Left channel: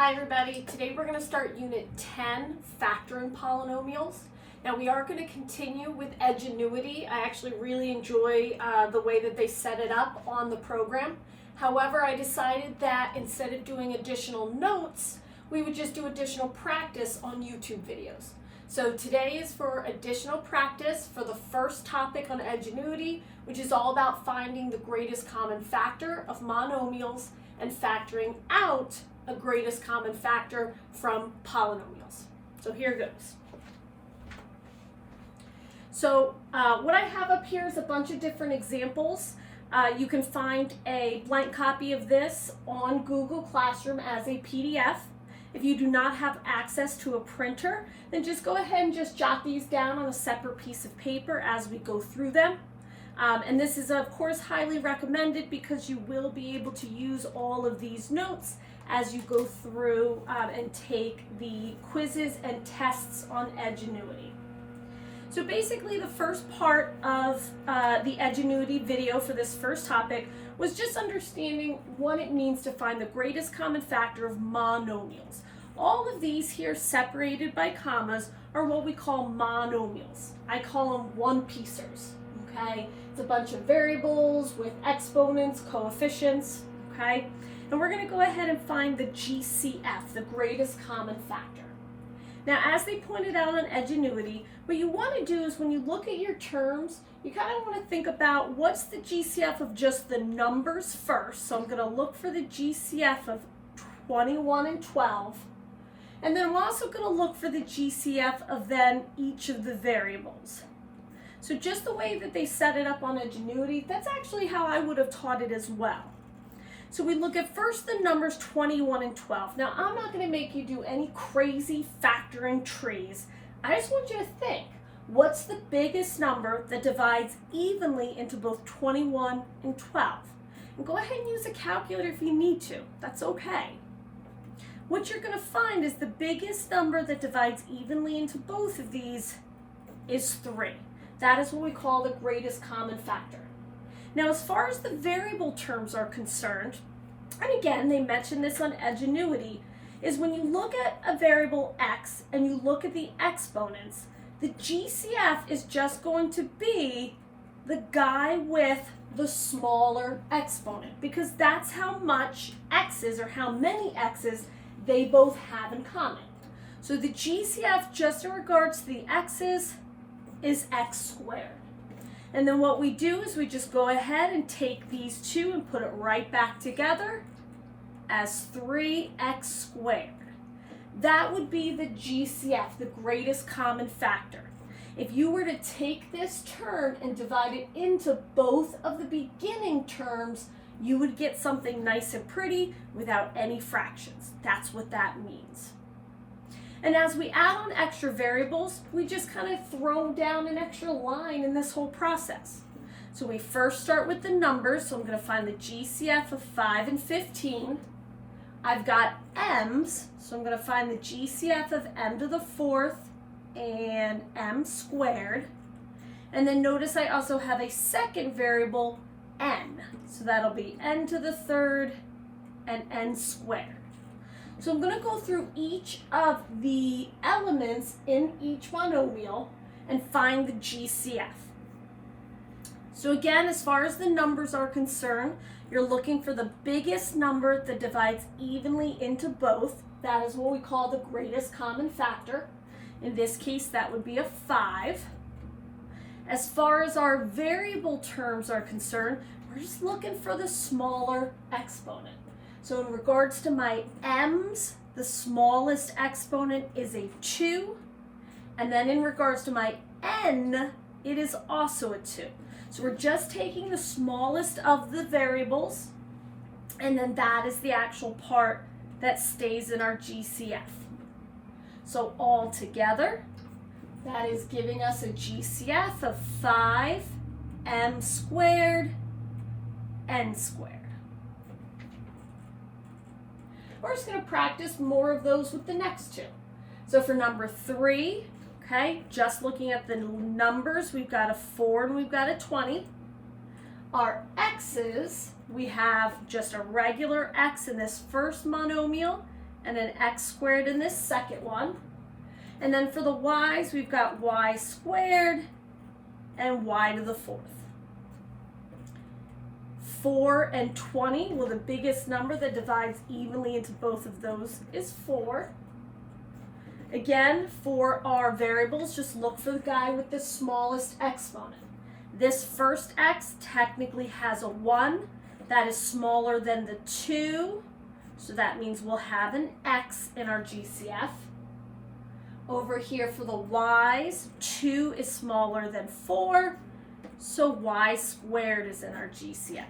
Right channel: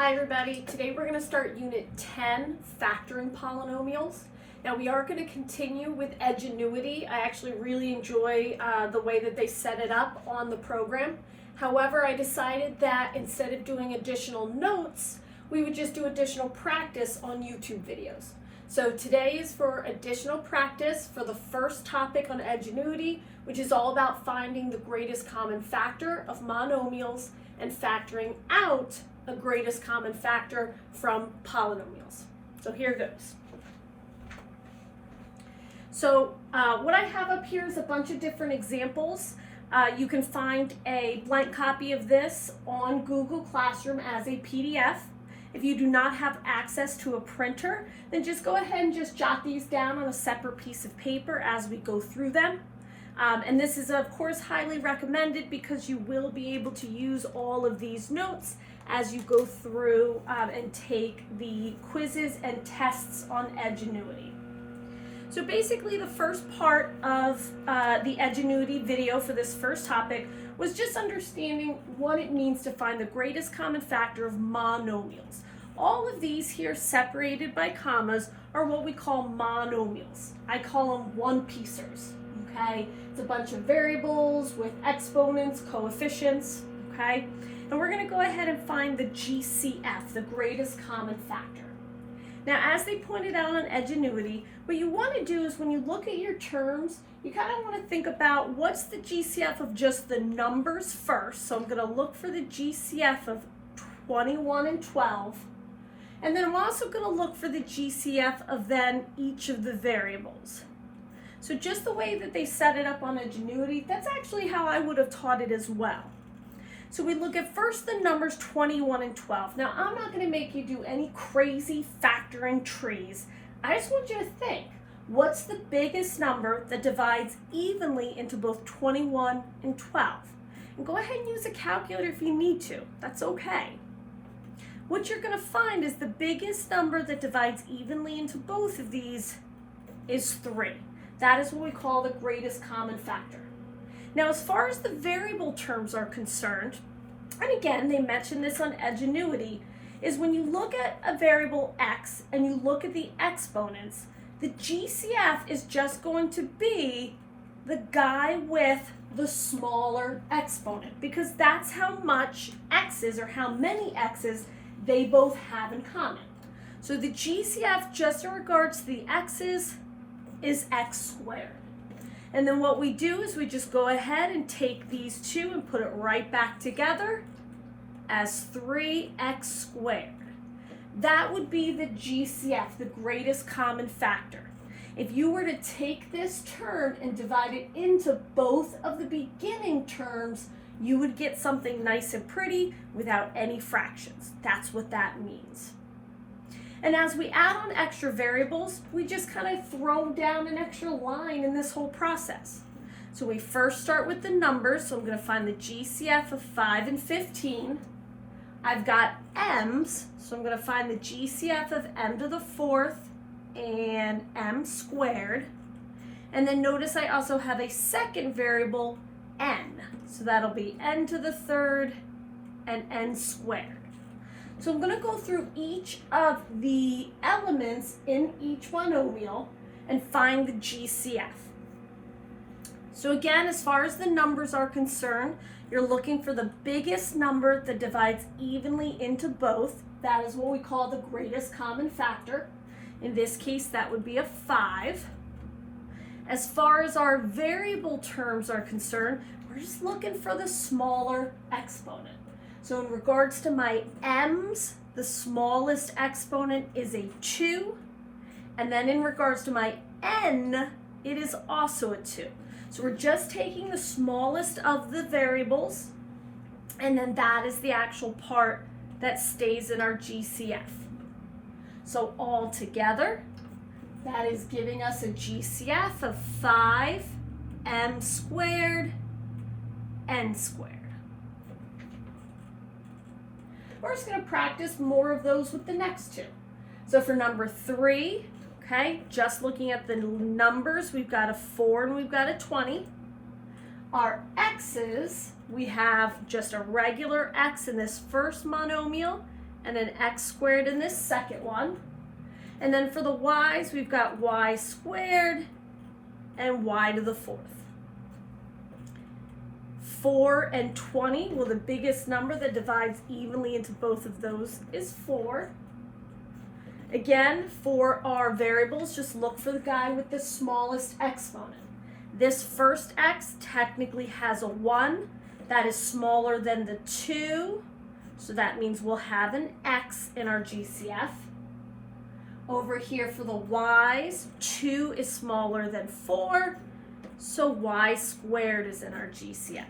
Hi everybody, today we're going to start Unit 10, Factoring Polynomials. Now we are going to continue with Edgenuity. I actually really enjoy the way that they set it up on the program. However, I decided that instead of doing additional notes, we would just do additional practice on YouTube videos. So today is for additional practice for the first topic on Edgenuity, which is all about finding the greatest common factor of monomials and factoring out a greatest common factor from polynomials. So here goes. So what I have up here is a bunch of different examples. You can find a blank copy of this on Google Classroom as a PDF. If you do not have access to a printer, then just go ahead and just jot these down on a separate piece of paper as we go through them. And this is of course highly recommended because you will be able to use all of these notes as you go through and take the quizzes and tests on Edgenuity. So basically the first part of the Edgenuity video for this first topic was just understanding what it means to find the greatest common factor of monomials. All of these here separated by commas are what we call monomials. I call them one-piecers, okay? It's a bunch of variables with exponents, coefficients, okay? And we're going to go ahead and find the GCF, the greatest common factor. Now, as they pointed out on Edgenuity, what you want to do is when you look at your terms, you kind of want to think about what's the GCF of just the numbers first. So I'm going to look for the GCF of 21 and 12. And then I'm also going to look for the GCF of then each of the variables. So just the way that they set it up on Edgenuity, that's actually how I would have taught it as well. So we look at first the numbers 21 and 12. Now, I'm not going to make you do any crazy factoring trees. I just want you to think, what's the biggest number that divides evenly into both 21 and 12? And go ahead and use a calculator if you need to. That's okay. What you're going to find is the biggest number that divides evenly into both of these is 3. That is what we call the greatest common factor. Now, as far as the variable terms are concerned, and again, they mention this on Edgenuity, is when you look at a variable x and you look at the exponents, the GCF is just going to be the guy with the smaller exponent, because that's how much x's or how many x's they both have in common. So the GCF just in regards to the x's is x squared. And then what we do is we just go ahead and take these two and put it right back together as 3x squared. That would be the GCF, the greatest common factor. If you were to take this term and divide it into both of the beginning terms, you would get something nice and pretty without any fractions. That's what that means. And as we add on extra variables, we just kind of throw down an extra line in this whole process. So we first start with the numbers. So I'm going to find the GCF of 5 and 15. I've got m's, so I'm going to find the GCF of m to the 4th and m squared. And then notice I also have a second variable, n. So that'll be n to the 3rd and n squared. So I'm going to go through each of the elements in each monomial and find the GCF. So again, as far as the numbers are concerned, you're looking for the biggest number that divides evenly into both. That is what we call the greatest common factor. In this case, that would be a 5. As far as our variable terms are concerned, we're just looking for the smaller exponent. So in regards to my m's, the smallest exponent is a 2. And then in regards to my n, it is also a 2. So we're just taking the smallest of the variables, and then that is the actual part that stays in our GCF. So all together, that is giving us a GCF of 5m squared, n squared. We're just going to practice more of those with the next two. So for number 3, okay, just looking at the numbers, we've got a 4 and we've got a 20. Our x's, we have just a regular x in this first monomial, and an x squared in this second one. And then for the y's, we've got y squared and y to the 4th. 4 and 20, well, the biggest number that divides evenly into both of those is 4. Again, for our variables, just look for the guy with the smallest exponent. This first x technically has a 1. That is smaller than the 2, so that means we'll have an x in our GCF. Over here for the y's, 2 is smaller than 4, so y squared is in our GCF.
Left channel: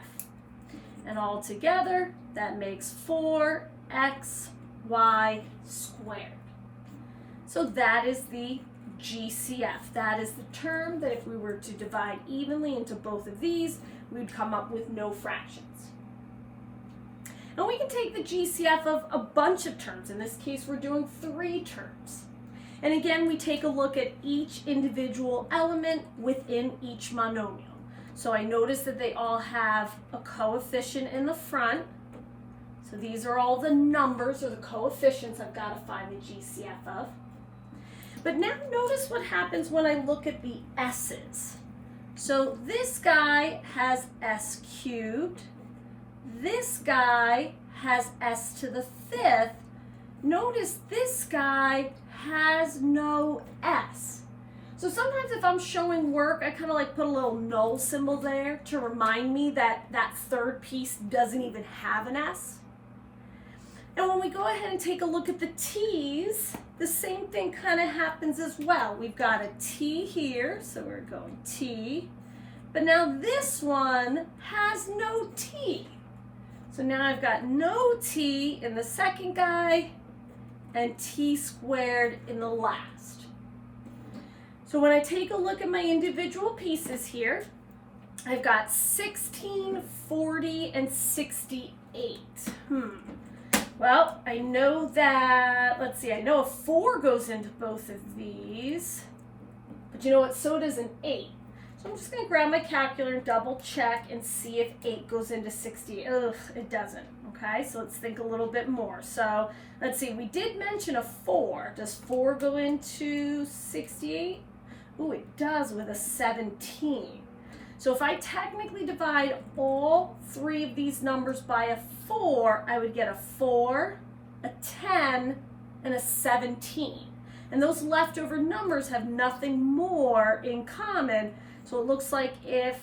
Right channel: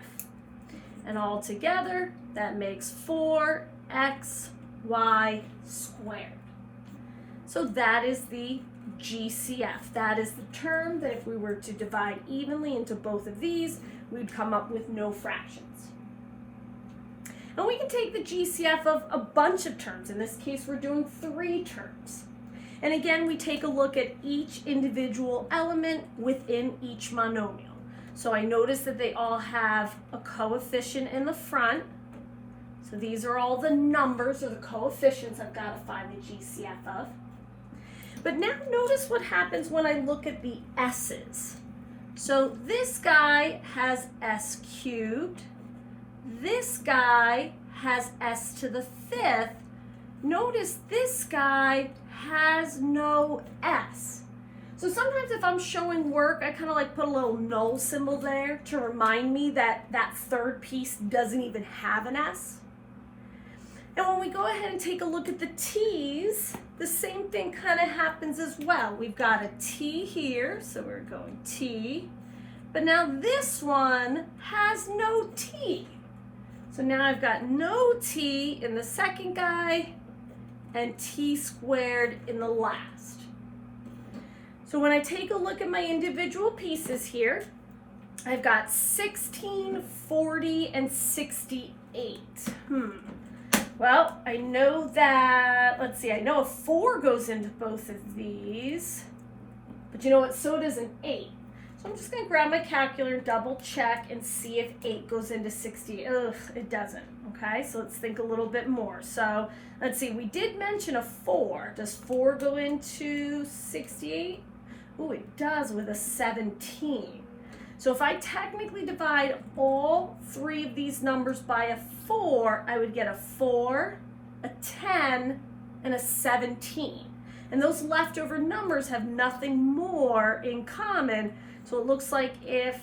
And all together, that makes 4xy squared. So that is the GCF. That is the term that if we were to divide evenly into both of these, we'd come up with no fractions. And we can take the GCF of a bunch of terms. In this case, we're doing 3 terms. And again, we take a look at each individual element within each monomial. So I notice that they all have a coefficient in the front. So these are all the numbers or the coefficients I've got to find the GCF of. But now notice what happens when I look at the s's. So this guy has s cubed. This guy has s to the 5th. Notice this guy has no s. So sometimes if I'm showing work, I kind of like put a little null symbol there to remind me that that third piece doesn't even have an s. And when we go ahead and take a look at the t's, the same thing kind of happens as well. We've got a t here, so we're going t. But now this one has no t. So now I've got no t in the second guy and t squared in the last. So when I take a look at my individual pieces here, I've got 16, 40, and 68. Well, I know that, let's see, I know a 4 goes into both of these, but you know what, so does an 8. So I'm just going to grab my calculator and double check and see if 8 goes into 60. Ugh, it doesn't. Okay, so let's think a little bit more. So let's see, we did mention a 4. Does 4 go into 68? Oh, it does with a 17. So if I technically divide all 3 of these numbers by a 4, I would get a 4, a 10, and a 17. And those leftover numbers have nothing more in common. So it looks like if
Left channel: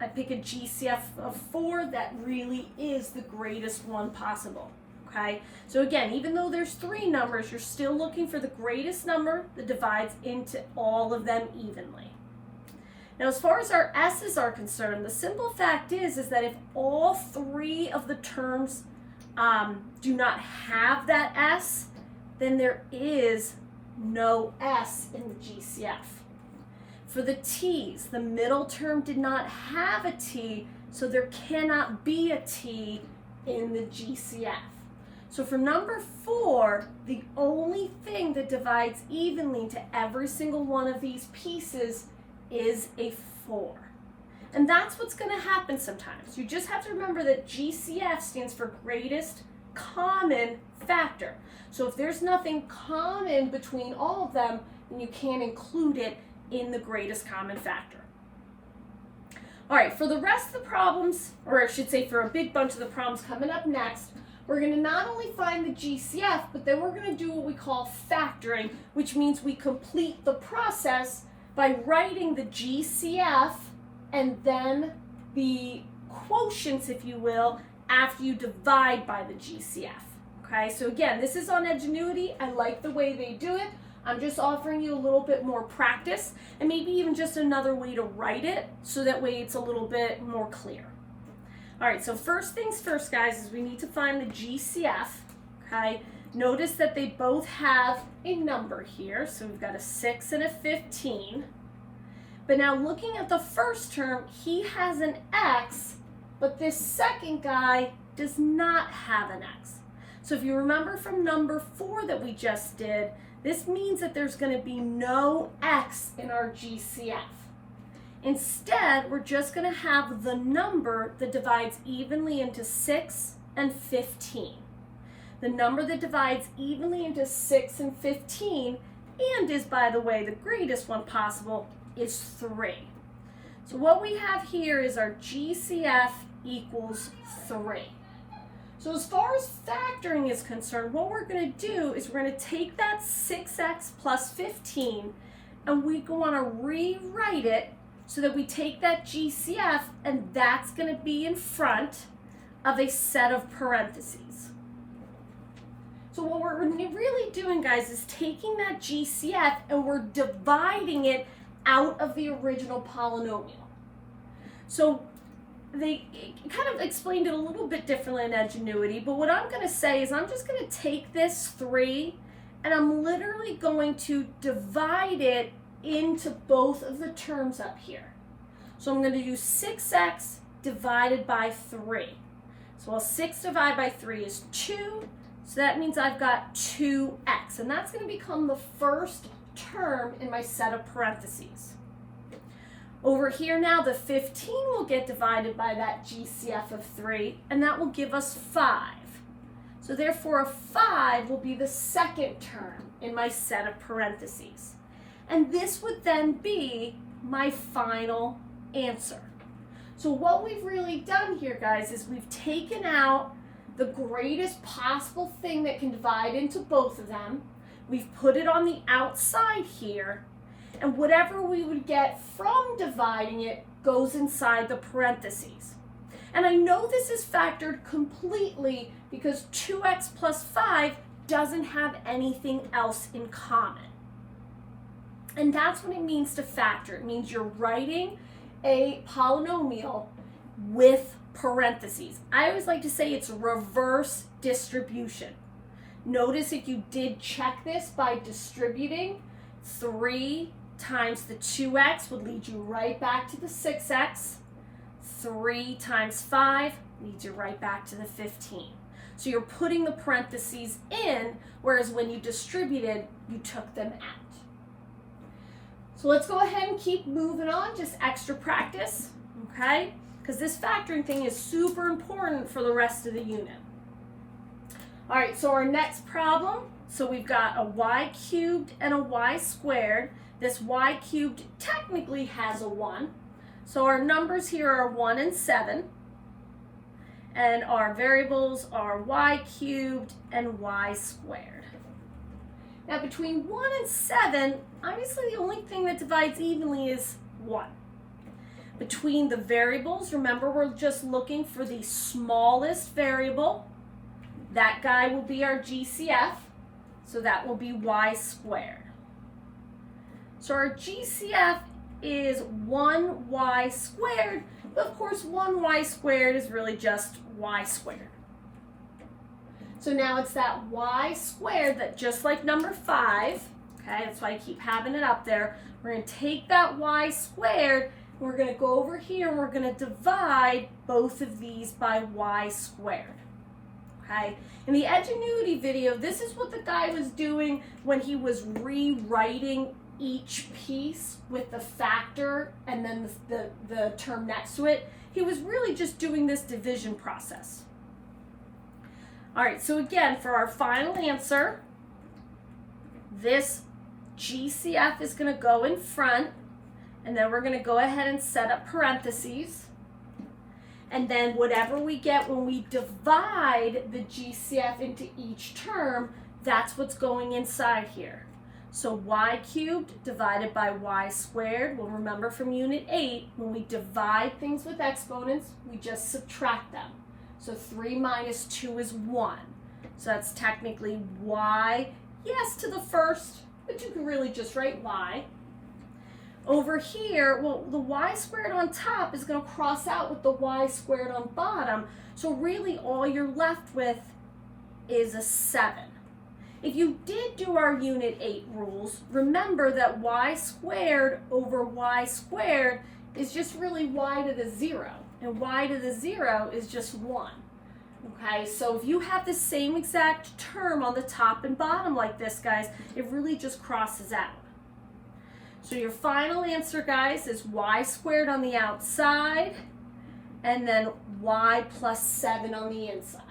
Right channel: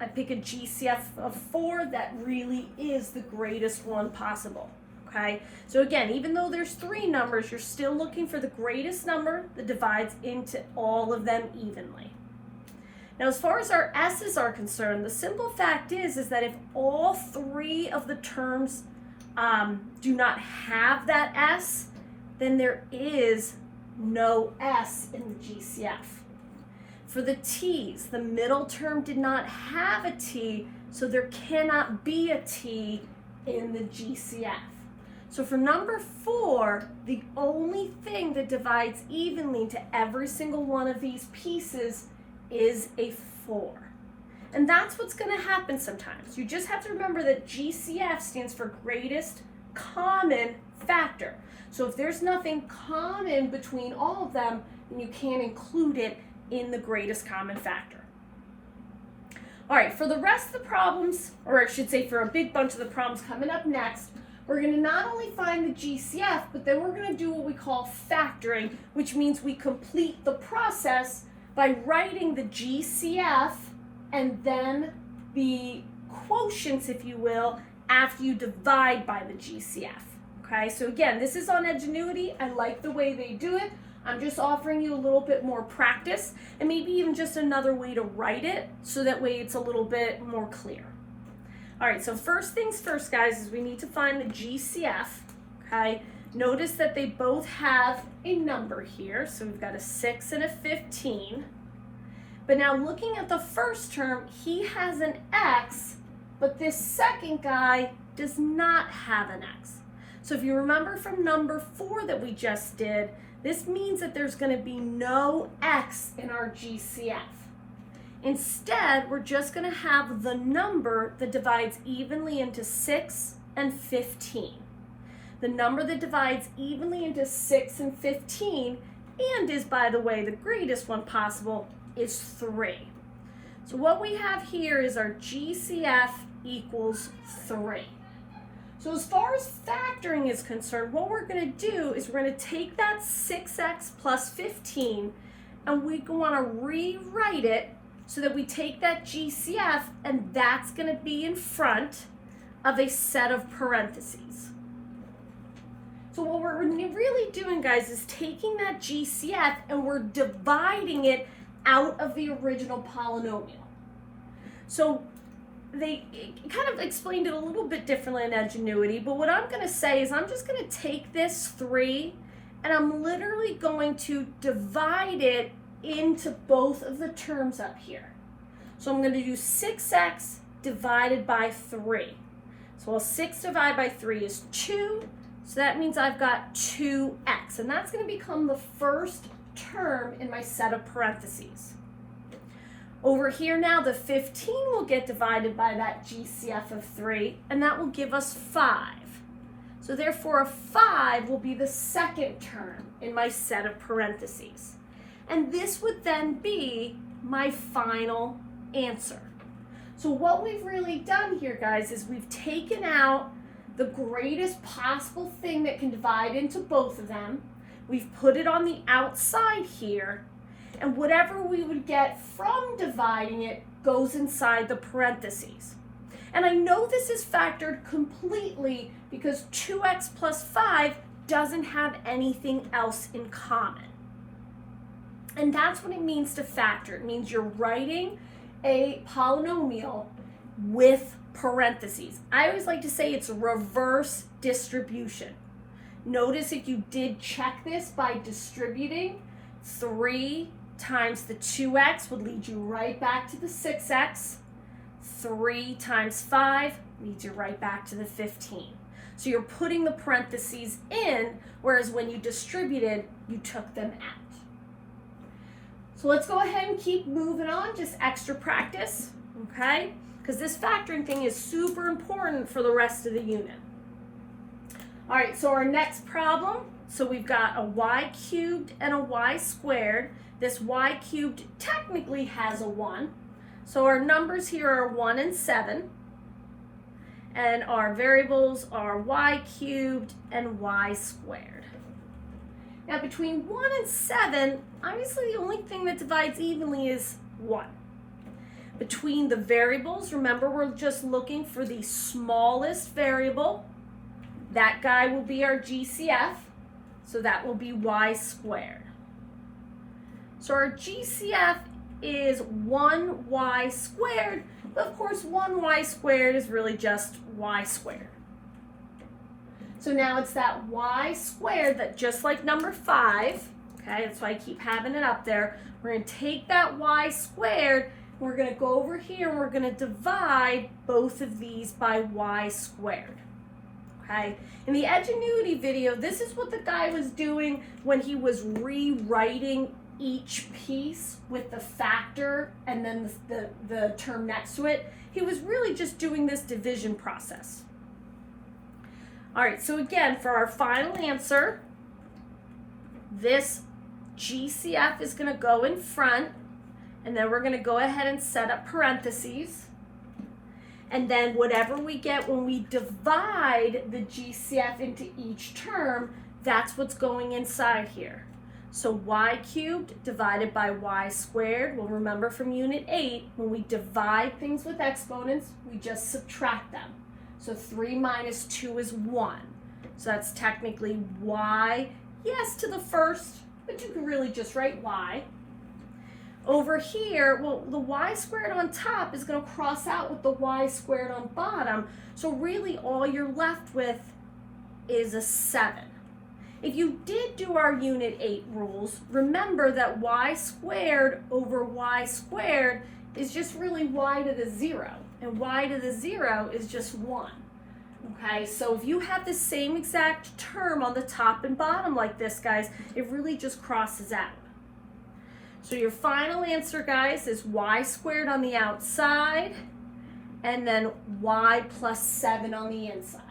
I pick a GCF of 4, that really is the greatest one possible. Okay, so again, even though there's 3 numbers, you're still looking for the greatest number that divides into all of them evenly. Now, as far as our s's are concerned, the simple fact is that if all 3 of the terms do not have that s, then there is no s in the GCF. For the t's, the middle term did not have a t, so there cannot be a t in the GCF. So for number 4, the only thing that divides evenly into every single one of these pieces is a 4. And that's what's going to happen sometimes. You just have to remember that GCF stands for greatest common factor. So if there's nothing common between all of them, then you can't include it in the greatest common factor. All right, for the rest of the problems, or I should say for a big bunch of the problems coming up next, we're going to not only find the GCF, but then we're going to do what we call factoring, which means we complete the process by writing the GCF and then the quotients, if you will, after you divide by the GCF. Okay, so again, this is on Edgenuity. I like the way they do it. I'm just offering you a little bit more practice and maybe even just another way to write it so that way it's a little bit more clear. All right, so first things first, guys, is we need to find the GCF, okay? Notice that they both have a number here, so we've got a 6 and a 15. But now looking at the first term, he has an x, but this second guy does not have an x. So if you remember from number 4 that we just did, this means that there's going to be no x in our GCF. Instead, we're just going to have the number that divides evenly into 6 and 15. The number that divides evenly into 6 and 15, and is, by the way, the greatest one possible, is 3. So what we have here is our GCF equals 3. So as far as factoring is concerned, what we're going to do is we're going to take that 6x plus 15 and we want to rewrite it so that we take that GCF and that's going to be in front of a set of parentheses. So what we're really doing, guys, is taking that GCF and we're dividing it out of the original polynomial. So they kind of explained it a little bit differently in Ingenuity, but what I'm going to say is I'm just going to take this 3 and I'm literally going to divide it into both of the terms up here. So I'm going to do 6x divided by 3. So 6 divided by 3 is 2. So that means I've got 2x, and that's going to become the first term in my set of parentheses. Over here now, the 15 will get divided by that GCF of 3, and that will give us 5. So therefore, a 5 will be the second term in my set of parentheses. And this would then be my final answer. So what we've really done here, guys, is we've taken out the greatest possible thing that can divide into both of them. We've put it on the outside here, and whatever we would get from dividing it goes inside the parentheses. And I know this is factored completely because 2x plus 5 doesn't have anything else in common. And that's what it means to factor. It means you're writing a polynomial with parentheses. I always like to say it's reverse distribution. Notice if you did check this by distributing, 3 times the 2x would lead you right back to the 6x. 3 times 5 leads you right back to the 15. So you're putting the parentheses in, whereas when you distributed, you took them out. So let's go ahead and keep moving on, just extra practice, okay? Because this factoring thing is super important for the rest of the unit. All right, so our next problem, so we've got a y cubed and a y squared. This y cubed technically has a 1. So our numbers here are 1 and 7. And our variables are y cubed and y squared. Now between 1 and 7, obviously the only thing that divides evenly is 1. Between the variables, remember we're just looking for the smallest variable. That guy will be our GCF, so that will be y squared. So our GCF is 1y squared, but of course 1y squared is really just y squared. So now it's that y squared that, just like number 5, okay, that's why I keep having it up there, we're going to take that y squared and we're going to go over here and we're going to divide both of these by y squared. Okay? In the Edgenuity video, this is what the guy was doing when he was rewriting each piece with the factor and then the term next to it. He was really just doing this division process. All right, so again, for our final answer, this GCF is going to go in front, and then we're going to go ahead and set up parentheses. And then whatever we get when we divide the GCF into each term, that's what's going inside here. So y cubed divided by y squared, we'll remember from Unit 8, when we divide things with exponents, we just subtract them. So 3 minus 2 is 1. So that's technically y, yes, to the first, but you can really just write y. Over here, well, the y squared on top is going to cross out with the y squared on bottom. So really all you're left with is a 7. If you did do our Unit 8 rules, remember that y squared over y squared is just really y to the 0. And y to the 0 is just 1. Okay, so if you have the same exact term on the top and bottom like this, guys, it really just crosses out. So your final answer, guys, is y squared on the outside and then y plus 7 on the inside.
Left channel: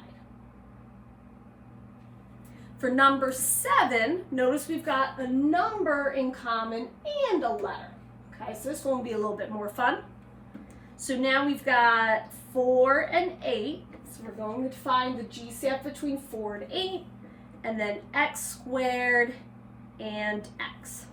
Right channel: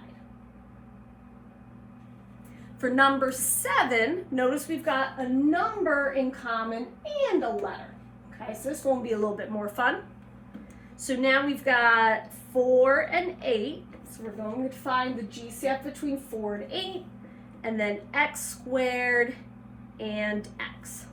For number 7, notice we've got a number in common and a letter. Okay, so this one will be a little bit more fun. So now we've got 4 and 8. So we're going to find the GCF between 4 and 8, and then x squared and x.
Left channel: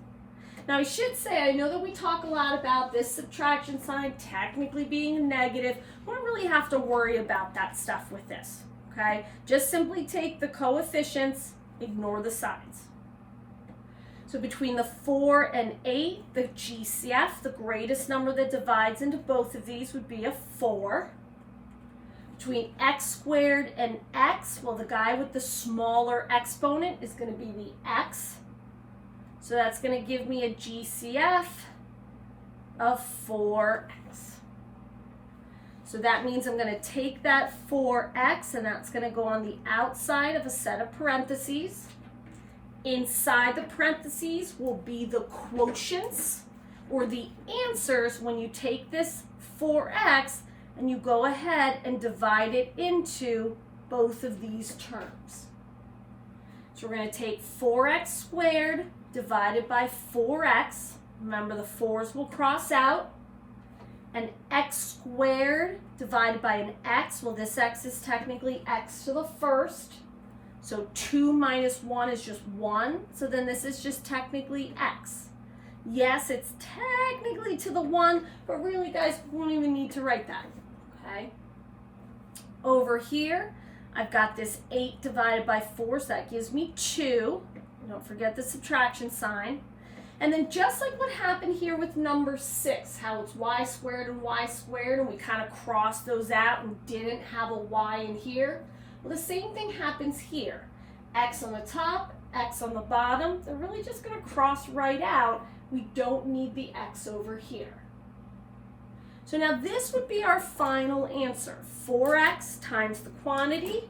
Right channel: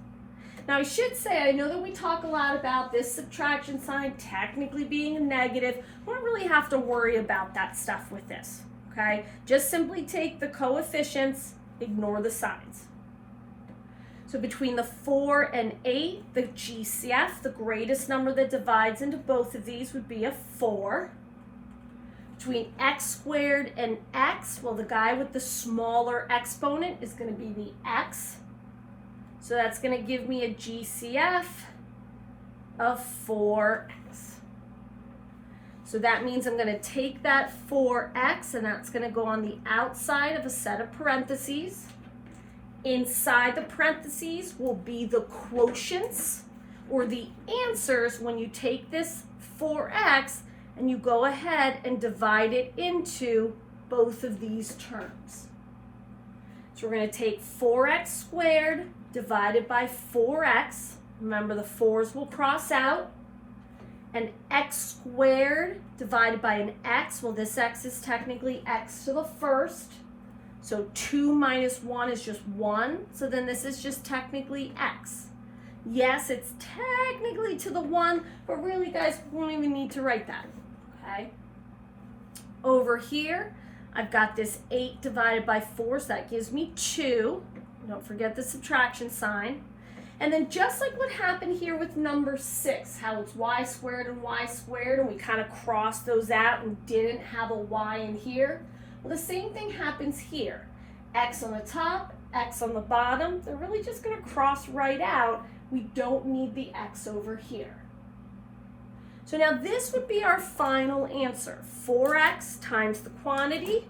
Now I should say, I know that we talk a lot about this subtraction sign technically being a negative. We don't really have to worry about that stuff with this, okay? Just simply take the coefficients, ignore the signs. So between the 4 and 8, the GCF, the greatest number that divides into both of these, would be a 4. Between x squared and x, well, the guy with the smaller exponent is going to be the x. So that's going to give me a GCF of 4x. So that means I'm going to take that 4x, and that's going to go on the outside of a set of parentheses. Inside the parentheses will be the quotients, or the answers, when you take this 4x and you go ahead and divide it into both of these terms. So we're going to take 4x squared divided by 4x. Remember, the 4's will cross out. And x squared divided by an x. Well, this x is technically x to the first. So 2 minus 1 is just 1. So then this is just technically x. Yes, it's technically to the 1, but really, guys, we won't even need to write that. Okay? Over here, I've got this 8 divided by 4, so that gives me 2. Don't forget the subtraction sign. And then just like what happened here with number 6, how it's y squared, and we kind of crossed those out and didn't have a y in here. Well, the same thing happens here. X on the top, x on the bottom, they're really just going to cross right out. We don't need the x over here. So now this would be our final answer. 4x times the quantity,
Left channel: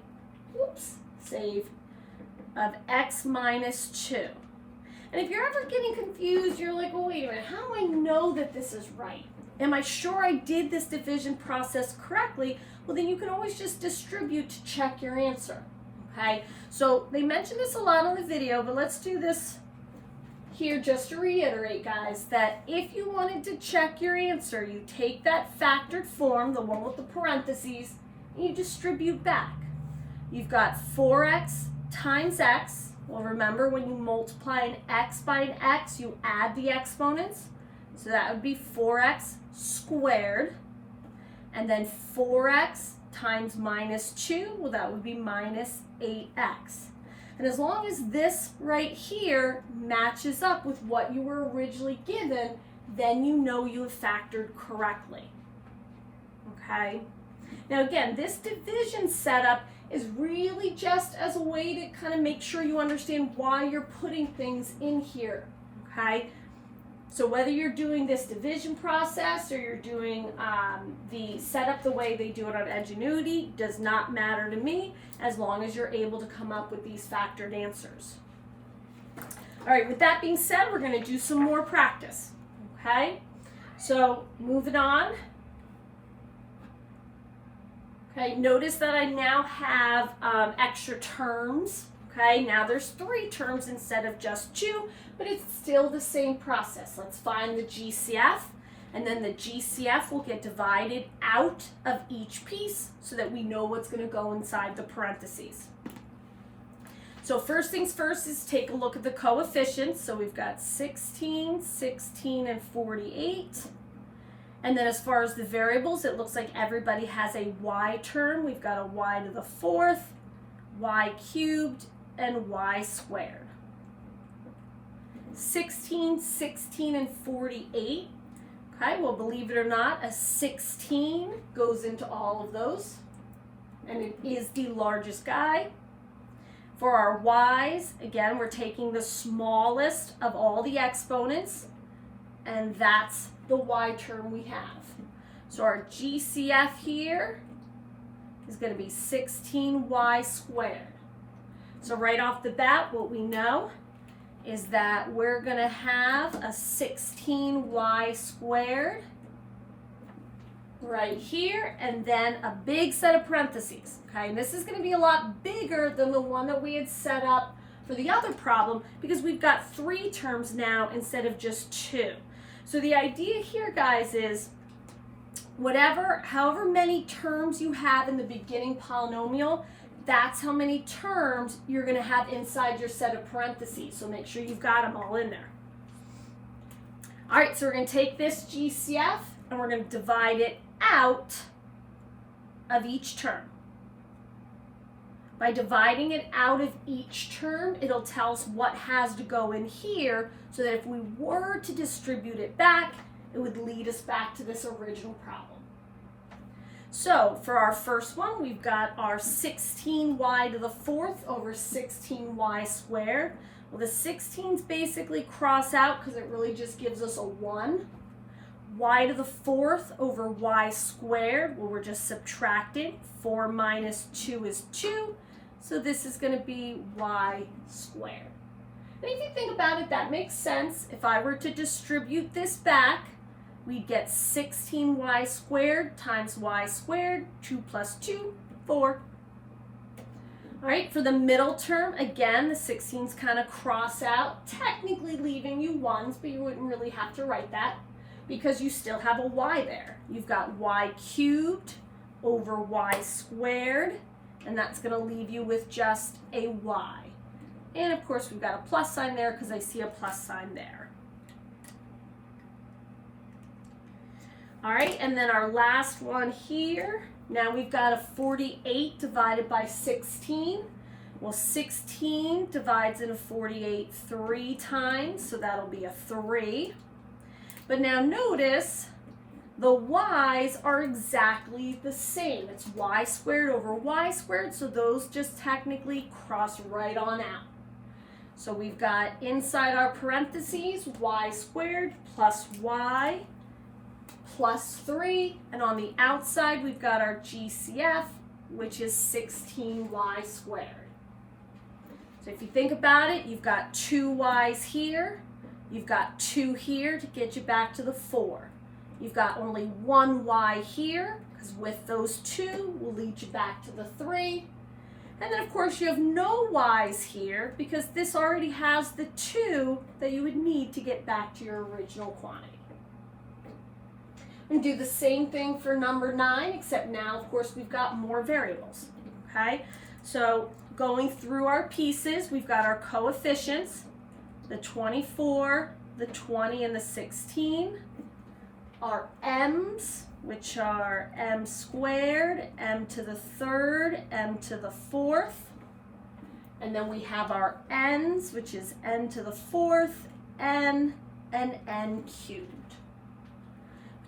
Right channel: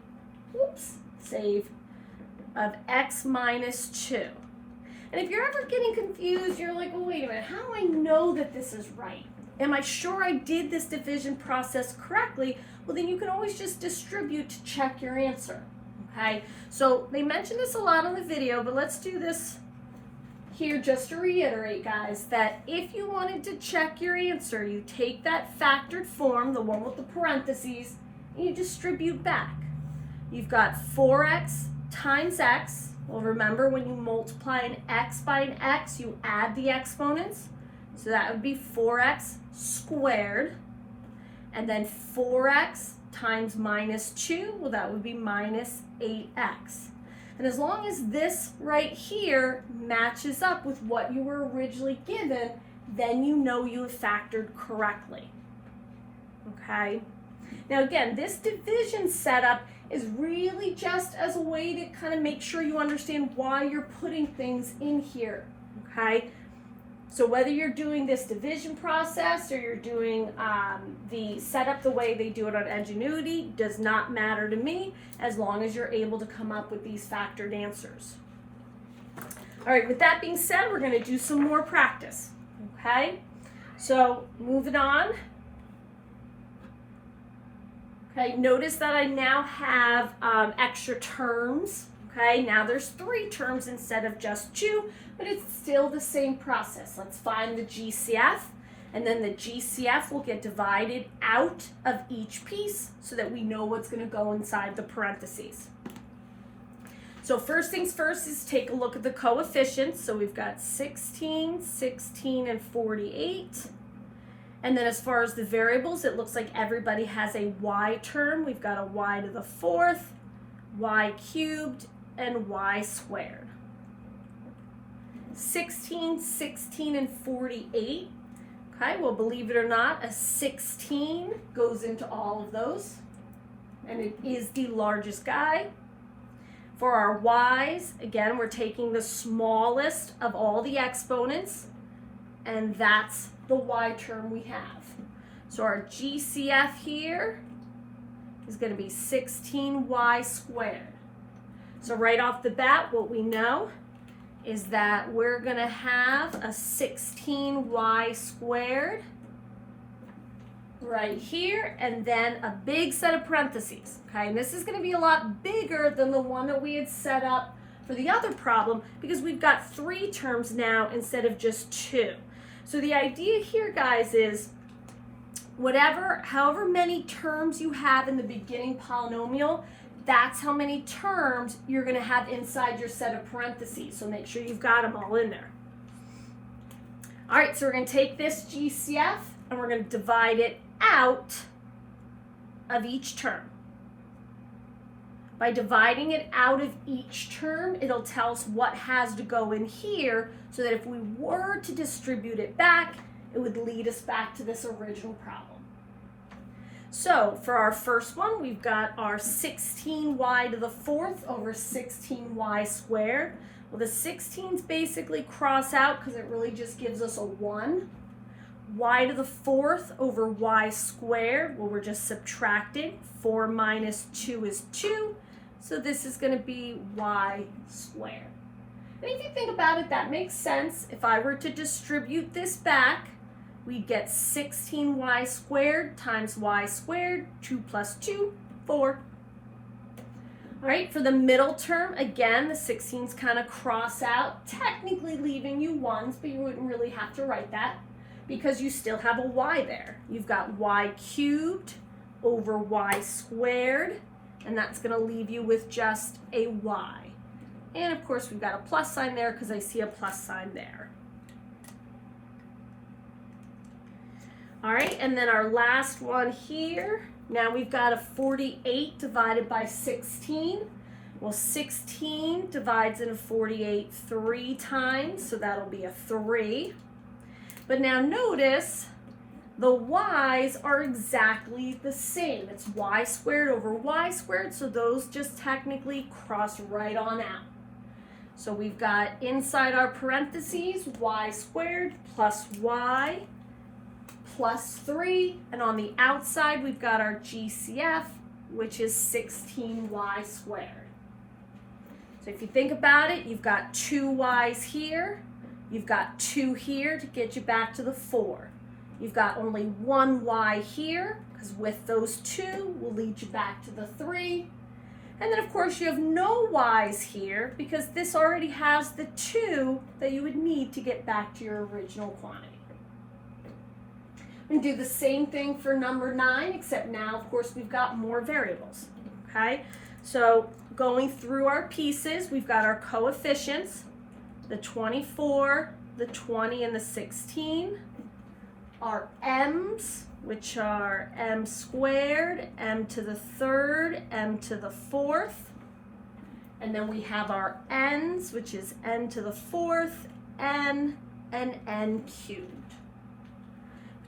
of x minus 2. And if you're ever getting confused, you're like, well, wait a minute, how do I know that this is right? Am I sure I did this division process correctly? Well, then you can always just distribute to check your answer, okay? So they mentioned this a lot on the video, but let's do this here just to reiterate, guys, that if you wanted to check your answer, you take that factored form, the one with the parentheses, and you distribute back. You've got 4x times x. Well, remember, when you multiply an x by an x, you add the exponents. So that would be 4x squared. And then 4x times minus 2, well, that would be minus 8x. And as long as this right here matches up with what you were originally given, then you know you have factored correctly. Okay? Now again, this division setup is really just as a way to kind of make sure you understand why you're putting things in here, okay? So whether you're doing this division process or you're doing the setup the way they do it on Ingenuity does not matter to me, as long as you're able to come up with these factored answers. All right, with that being said, we're going to do some more practice, okay? So moving on. Okay, notice that I now have extra terms. Okay, now there's 3 terms instead of just 2, but it's still the same process. Let's find the GCF, and then the GCF will get divided out of each piece so that we know what's going to go inside the parentheses. So first things first is take a look at the coefficients. So we've got 16, 16, and 48. And then as far as the variables, it looks like everybody has a y term. We've got a y to the 4th, y cubed, and y squared. 16, 16, and 48. Okay, well, believe it or not, a 16 goes into all of those, and it is the largest guy. For our y's, again, we're taking the smallest of all the exponents, and that's the y term we have. So our GCF here is going to be 16y squared. So right off the bat, what we know is that we're going to have a 16y squared right here, and then a big set of parentheses. Okay, and this is going to be a lot bigger than the one that we had set up for the other problem because we've got 3 terms now instead of just 2. So the idea here, guys, is however many terms you have in the beginning polynomial, that's how many terms you're going to have inside your set of parentheses. So make sure you've got them all in there. All right, so we're going to take this GCF and we're going to divide it out of each term. By dividing it out of each term, it'll tell us what has to go in here so that if we were to distribute it back, it would lead us back to this original problem. So for our first one, we've got our 16y to the 4th over 16y squared. Well, the 16s basically cross out because it really just gives us a 1. Y to the 4th over y squared, well, we're just subtracting. 4 minus 2 is 2, so this is going to be y squared. And if you think about it, that makes sense. If I were to distribute this back, we'd get 16y squared times y squared, 2 plus 2, 4. All right, for the middle term, again, the 16s kind of cross out, technically leaving you 1s, but you wouldn't really have to write that because you still have a y there. You've got y cubed over y squared, and that's going to leave you with just a y. And of course, we've got a plus sign there because I see a plus sign there. All right, and then our last one here. Now we've got a 48 divided by 16. Well, 16 divides into 48 3 times, so that'll be a 3. But now notice the y's are exactly the same. It's y squared over y squared, so those just technically cross right on out. So we've got inside our parentheses y squared plus y plus 3, and on the outside we've got our GCF, which is 16y squared. So if you think about it, you've got 2 y's here, you've got 2 here to get you back to the 4. You've got only 1 y here, because with those 2 will lead you back to the 3. And then of course you have no y's here, because this already has the 2 that you would need to get back to your original quantity. And do the same thing for number 9, except now, of course, we've got more variables, okay? So going through our pieces, we've got our coefficients, the 24, the 20, and the 16. Our m's, which are m squared, m to the 3rd, m to the 4th. And then we have our n's, which is n to the 4th, n, and n cubed.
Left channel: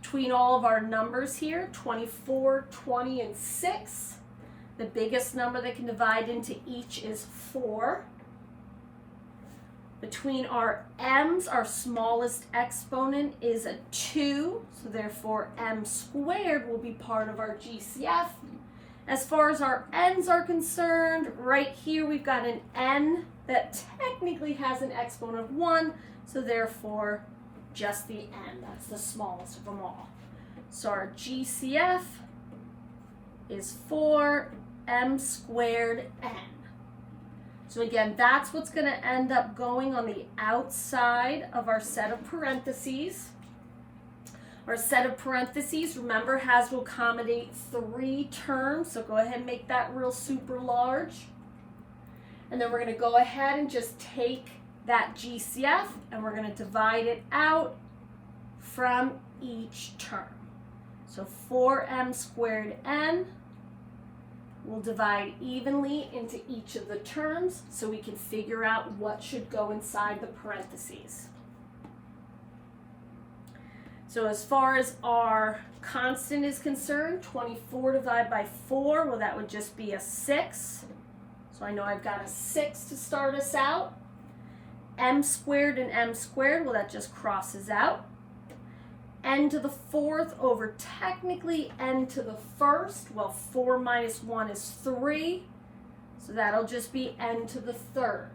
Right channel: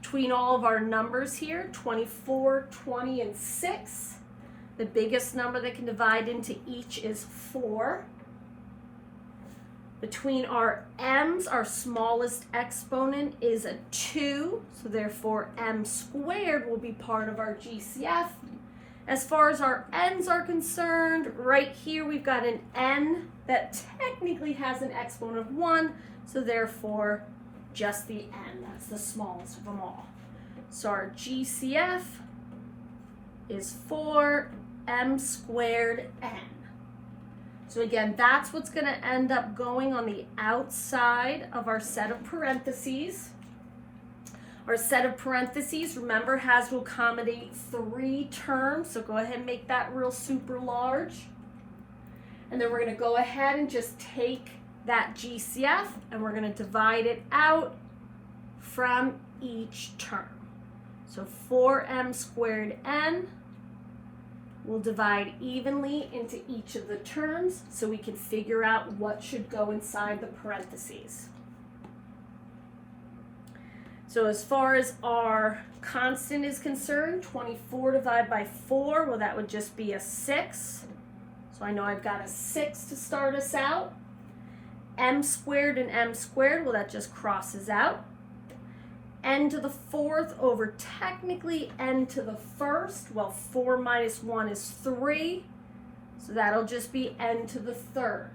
Between all of our numbers here, 24, 20, and 6, the biggest number that can divide into each is 4. Between our m's, our smallest exponent is a 2, so therefore m squared will be part of our GCF. As far as our n's are concerned, right here we've got an n that technically has an exponent of 1, so therefore just the n, that's the smallest of them all. So our GCF is 4m squared n. So again, that's what's going to end up going on the outside of our set of parentheses. Our set of parentheses, remember, has to accommodate 3 terms, so go ahead and make that real super large. And then we're going to go ahead and just take that GCF and we're going to divide it out from each term. So 4m squared n will divide evenly into each of the terms so we can figure out what should go inside the parentheses. So as far as our constant is concerned, 24 divided by 4, well, that would just be a 6. So I know I've got a 6 to start us out. M squared and m squared, well, that just crosses out. N to the 4th over technically n to the 1st. Well, 4 minus 1 is 3. So that'll just be n to the 3rd.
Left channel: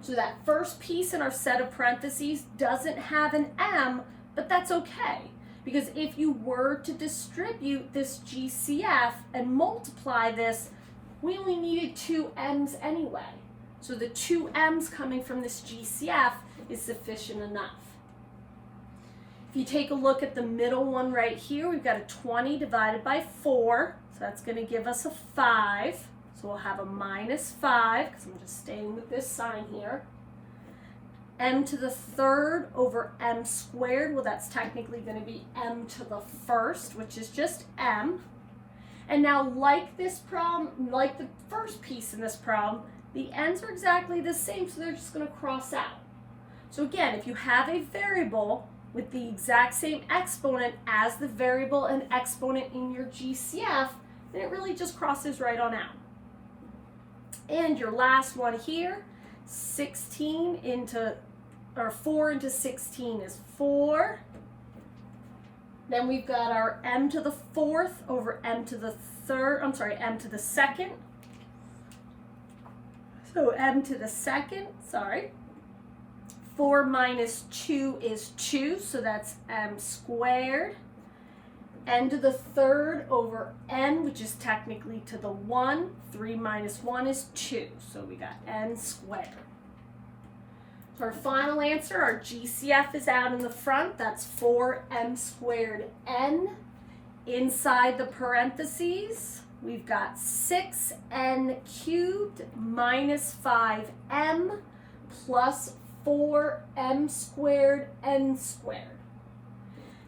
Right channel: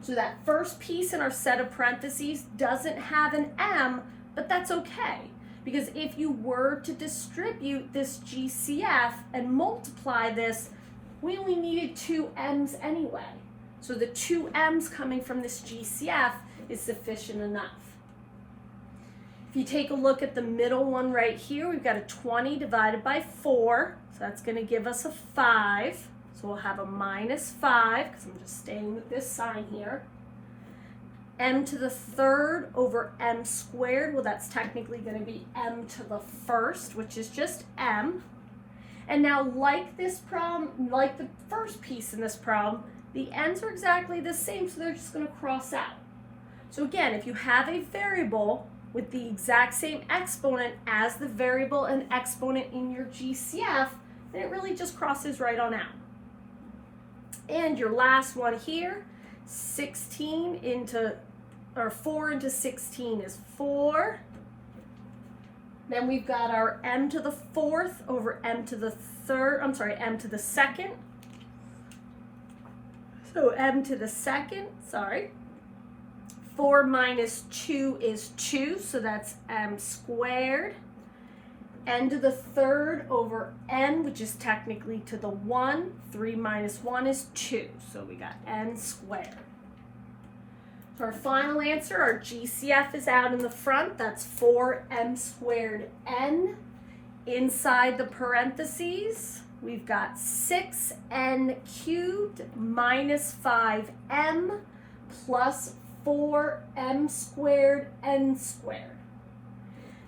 So that first piece in our set of parentheses doesn't have an m, but that's okay. Because if you were to distribute this GCF and multiply this, we only needed 2 m's anyway. So the 2 m's coming from this GCF is sufficient enough. If you take a look at the middle one right here, we've got a 20 divided by 4. So that's going to give us a 5. So we'll have a minus 5, because I'm just staying with this sign here. M to the third over m squared. Well, that's technically going to be m to the first, which is just m. And now, like this problem, like the first piece in this problem, the n's are exactly the same, so they're just going to cross out. So again, if you have a variable with the exact same exponent as the variable and exponent in your GCF, then it really just crosses right on out. And your last one here, 16 into, or 4 into 16 is 4. Then we've got our m to the fourth over m to the third, I'm sorry, m to the second. So m to the second, sorry. 4 minus 2 is 2, so that's m squared. N to the third over n, which is technically to the 1. 3 minus 1 is 2, so we got n squared. So our final answer, our GCF is out in the front. That's 4m squared n. Inside the parentheses, we've got 6n cubed minus 5m plus 4m squared n squared.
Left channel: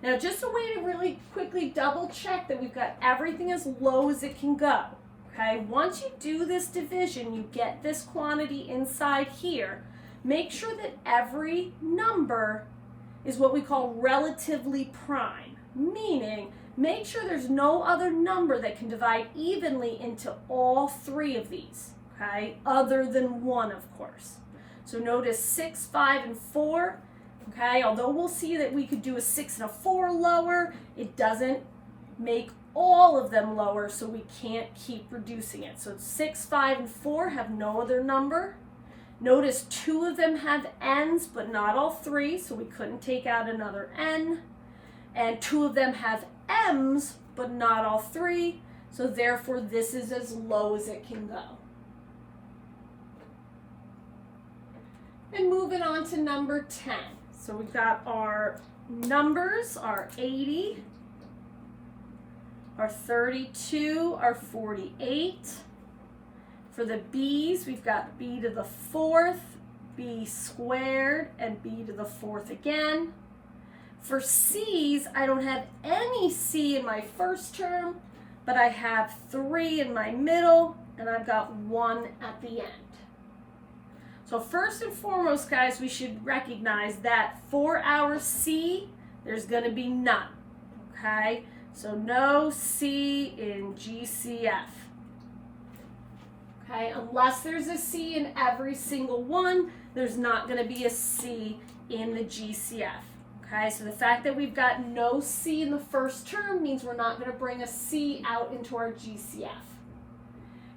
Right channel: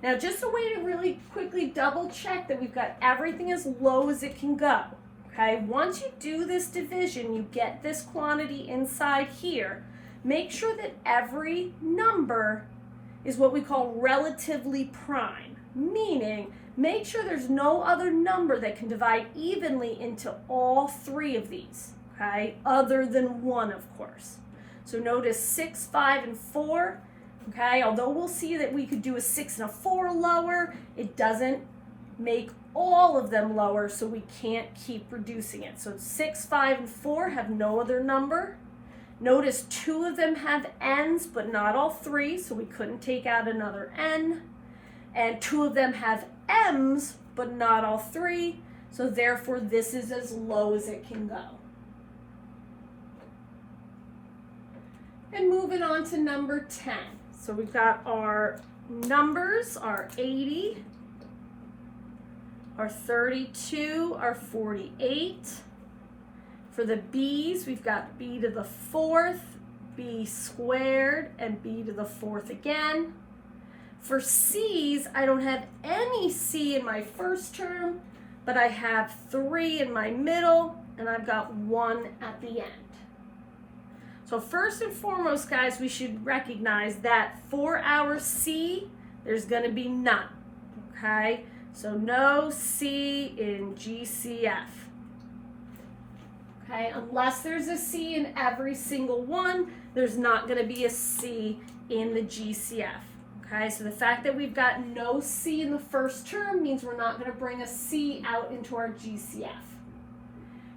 Now, just a way to really quickly double check that we've got everything as low as it can go. Okay, once you do this division, you get this quantity inside here. Make sure that every number is what we call relatively prime, meaning make sure there's no other number that can divide evenly into all 3 of these, okay, other than 1, of course. So notice 6, 5, and 4, okay, although we'll see that we could do a 6 and a 4 lower, it doesn't make all of them lower, so we can't keep reducing it. So 6, 5, and 4 have no other number. Notice 2 of them have n's, but not all 3, so we couldn't take out another n. And 2 of them have m's, but not all 3, so therefore this is as low as it can go. And moving on to number 10. So we've got our numbers, our 80, our 32, our 48. For the b's, we've got b to the fourth, b squared, and b to the fourth again. For c's, I don't have any c in my first term, but I have 3 in my middle, and I've got 1 at the end. So first and foremost, guys, we should recognize that for our c, there's going to be none, okay? So no c in GCF. Okay, unless there's a C in every single one, there's not going to be a C in the GCF. Okay, so the fact that we've got no C in the first term means we're not going to bring a C out into our GCF.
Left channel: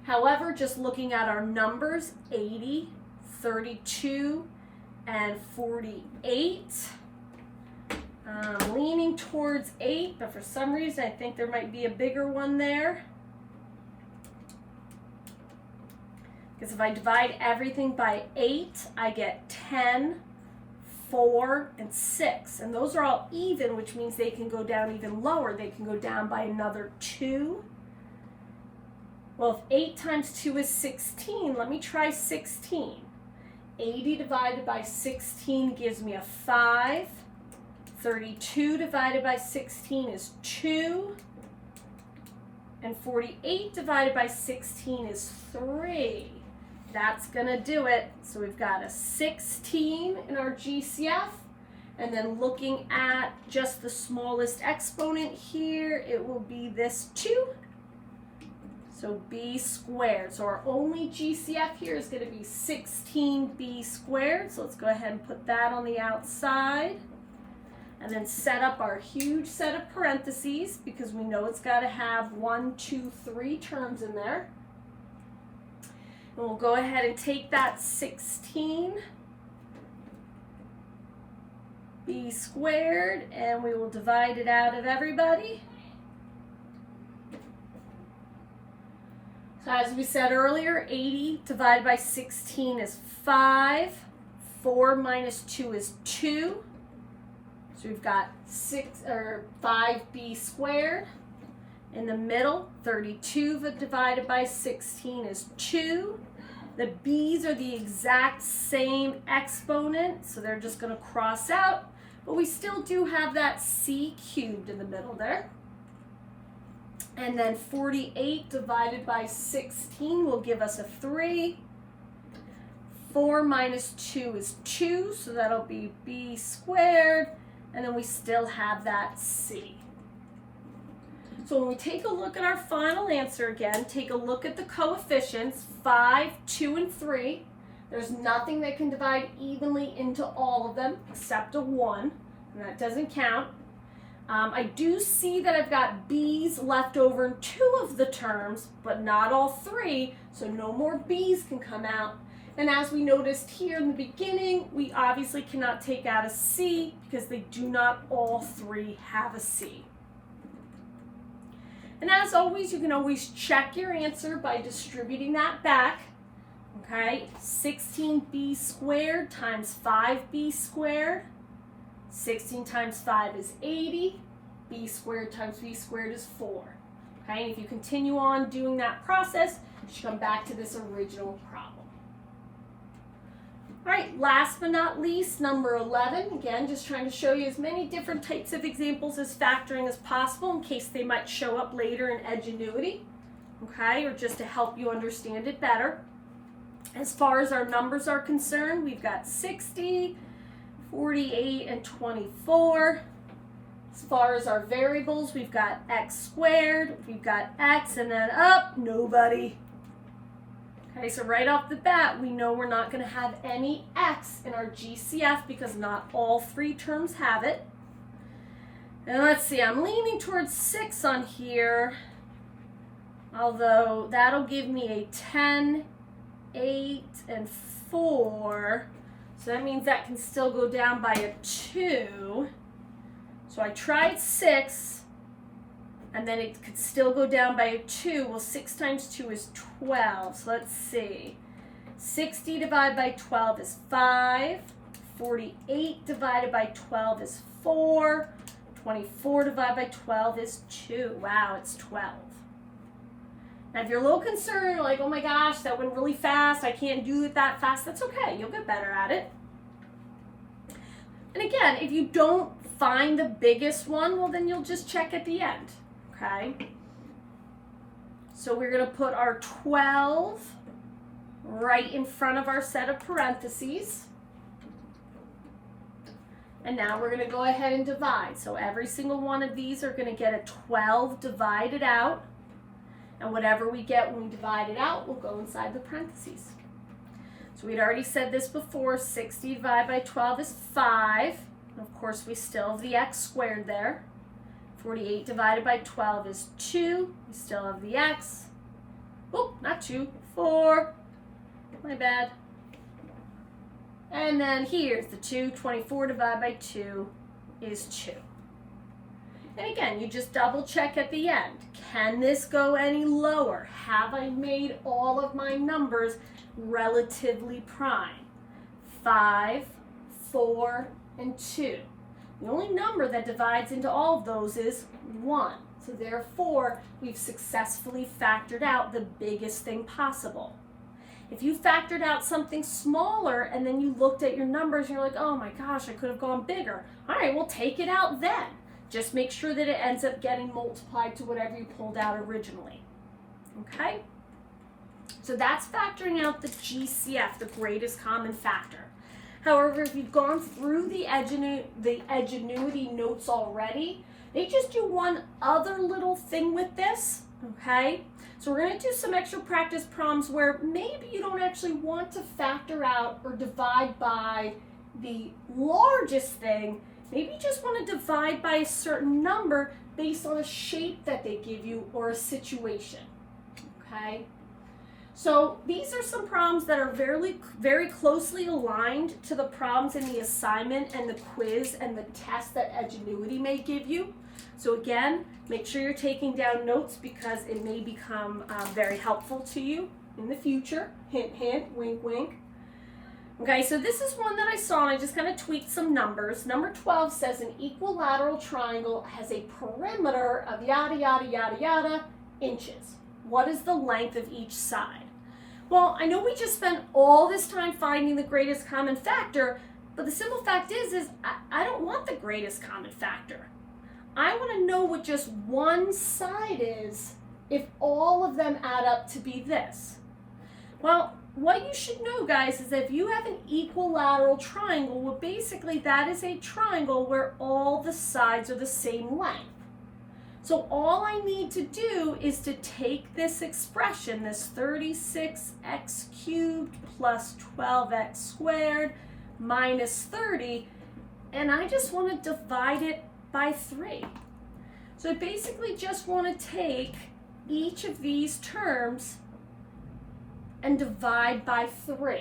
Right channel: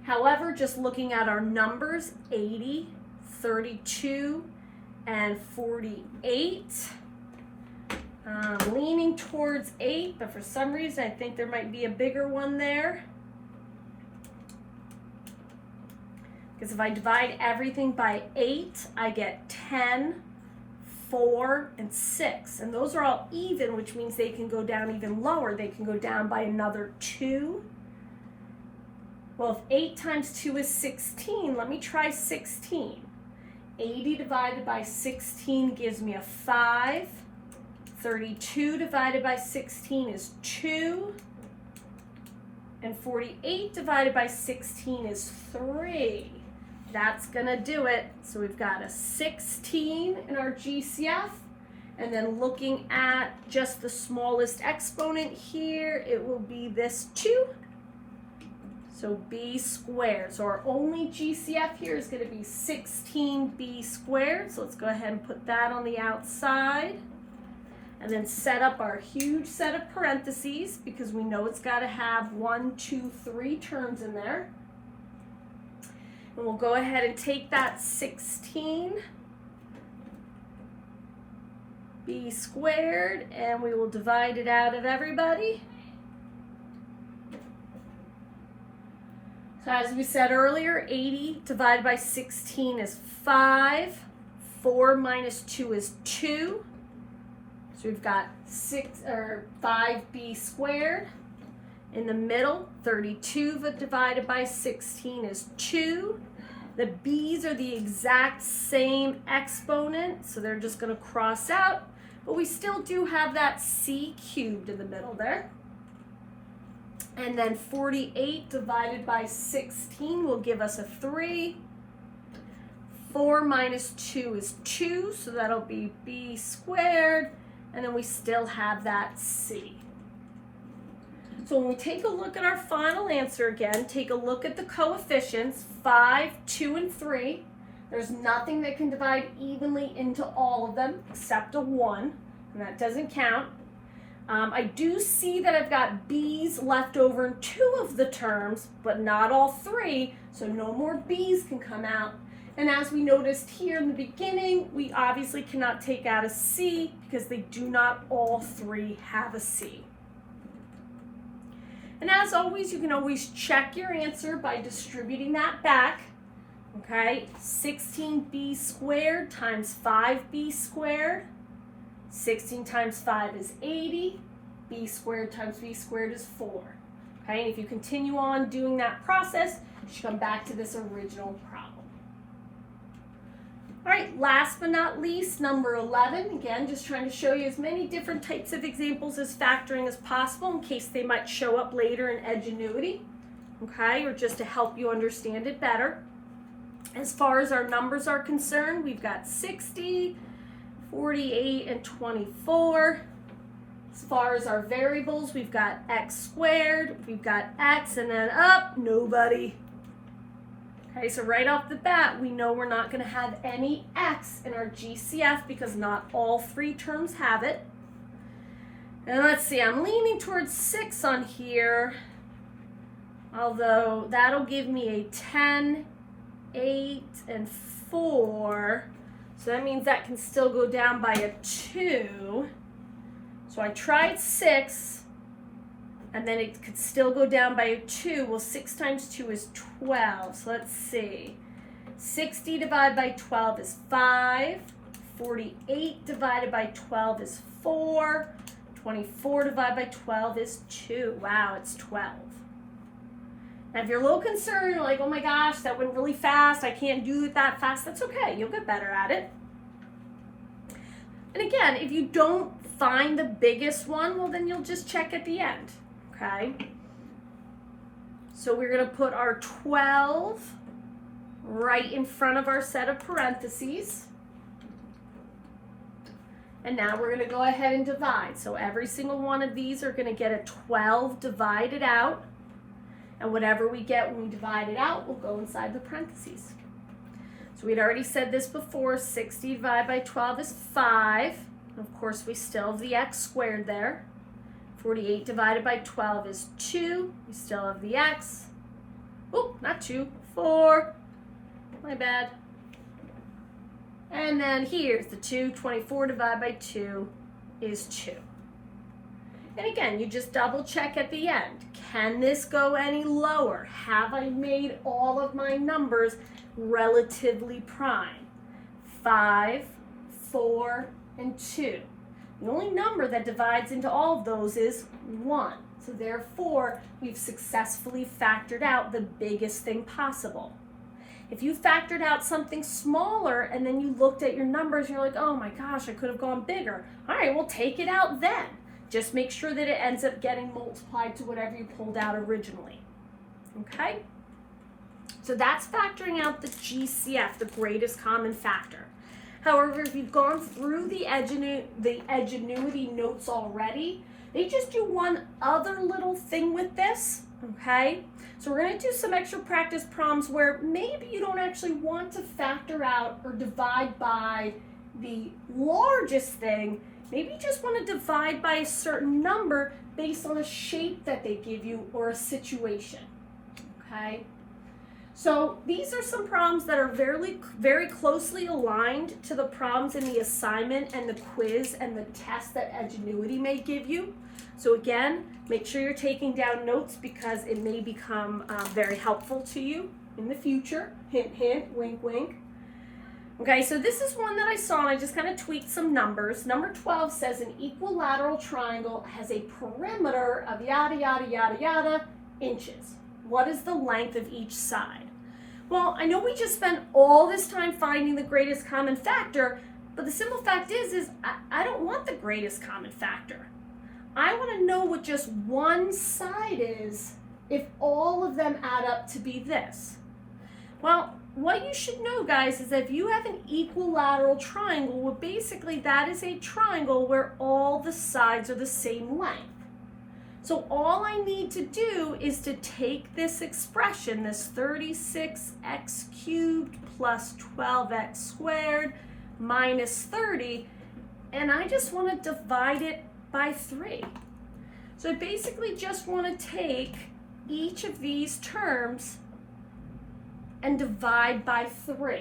However, just looking at our numbers, 80, 32, and 48, I'm leaning towards 8, but for some reason I think there might be a bigger one there. Because if I divide everything by 8, I get 10, 4, and 6. And those are all even, which means they can go down even lower. They can go down by another 2. Well, if 8 times 2 is 16, let me try 16. 80 divided by 16 gives me a 5. 32 divided by 16 is 2. And 48 divided by 16 is 3. That's gonna do it. So we've got a 16 in our GCF, and then looking at just the smallest exponent here, it will be this 2. So b squared. So our only GCF here is gonna be 16b squared. So let's go ahead and put that on the outside. And then set up our huge set of parentheses because we know it's gotta have 1, 2, 3 terms in there. And we'll go ahead and take that 16 b squared and we will divide it out of everybody. So As we said earlier, 80 divided by 16 is 5. 4 minus 2 is 2. So we've got 5b squared. In the middle, 32 divided by 16 is 2. The b's are the exact same exponent, so they're just going to cross out. But we still do have that c cubed in the middle there. And then 48 divided by 16 will give us a 3. 4 minus 2 is 2, so that'll be b squared. And then we still have that c. So when we take a look at our final answer again, take a look at the coefficients, 5, 2, and 3. There's nothing that can divide evenly into all of them except a 1, and that doesn't count. I do see that I've got b's left over in 2 of the terms, but not all 3, so no more b's can come out. And as we noticed here in the beginning, we obviously cannot take out a c because they do not all 3 have a c. And as always, you can always check your answer by distributing that back. Okay, 16b squared times 5b squared. 16 times 5 is 80. B squared times b squared is 4. Okay, and if you continue on doing that process, you should come back to this original problem. All right, last but not least, number 11. Again, just trying to show you as many different types of examples as factoring as possible in case they might show up later in Edgenuity, okay, or just to help you understand it better. As far as our numbers are concerned, we've got 60, 48, and 24. As far as our variables, we've got x squared, we've got x, and then up, nobody. Okay, so right off the bat, we know we're not going to have any x in our GCF because not all 3 terms have it. And let's see, I'm leaning towards 6 on here, although that'll give me a 10, 8, and 4. So that means that can still go down by a 2. So I tried 6. And then it could still go down by a 2. Well, 6 times 2 is 12. So let's see. 60 divided by 12 is 5. 48 divided by 12 is 4. 24 divided by 12 is 2. Wow, it's 12. Now, if you're a little concerned, you're like, oh my gosh, that went really fast. I can't do it that fast. That's okay. You'll get better at it. And again, if you don't find the biggest one, well, then you'll just check at the end. Okay, so we're going to put our 12 right in front of our set of parentheses. And now we're going to go ahead and divide. So every single one of these are going to get a 12 divided out. And whatever we get when we divide it out will go inside the parentheses. So we'd already said this before, 60 divided by 12 is 5. And of course, we still have the x squared there. 48 divided by 12 is 2. We still have the x. Oh, not 2, 4. My bad. And then here's the 2. 24 divided by 2 is 2. And again, you just double check at the end. Can this go any lower? Have I made all of my numbers relatively prime? 5, 4, and 2. The only number that divides into all of those is 1. So therefore, we've successfully factored out the biggest thing possible. If you factored out something smaller and then you looked at your numbers and you're like, oh my gosh, I could have gone bigger. All right, well, take it out then. Just make sure that it ends up getting multiplied to whatever you pulled out originally. Okay? So that's factoring out the GCF, the greatest common factor. However, if you've gone through the Edgenuity notes already, they just do one other little thing with this, okay? So we're going to do some extra practice problems where maybe you don't actually want to factor out or divide by the largest thing. Maybe you just want to divide by a certain number based on a shape that they give you or a situation, okay? So these are some problems that are very closely aligned to the problems in the assignment and the quiz and the test that Edgenuity may give you. So again, make sure you're taking down notes because it may become very helpful to you in the future. Hint, hint, wink, wink. Okay, so this is one that I saw and I just kind of tweaked some numbers. Number 12 says an equilateral triangle has a perimeter of yada, yada, yada, yada inches. What is the length of each side? Well, I know we just spent all this time finding the greatest common factor, but the simple fact is I don't want the greatest common factor. I want to know what just one side is if all of them add up to be this. Well, what you should know, guys, is that if you have an equilateral triangle, well, basically that is a triangle where all the sides are the same length. So all I need to do is to take this expression, this 36x cubed plus 12x squared minus 30, and I just want to divide it by 3. So I basically just want to take each of these terms and divide by 3.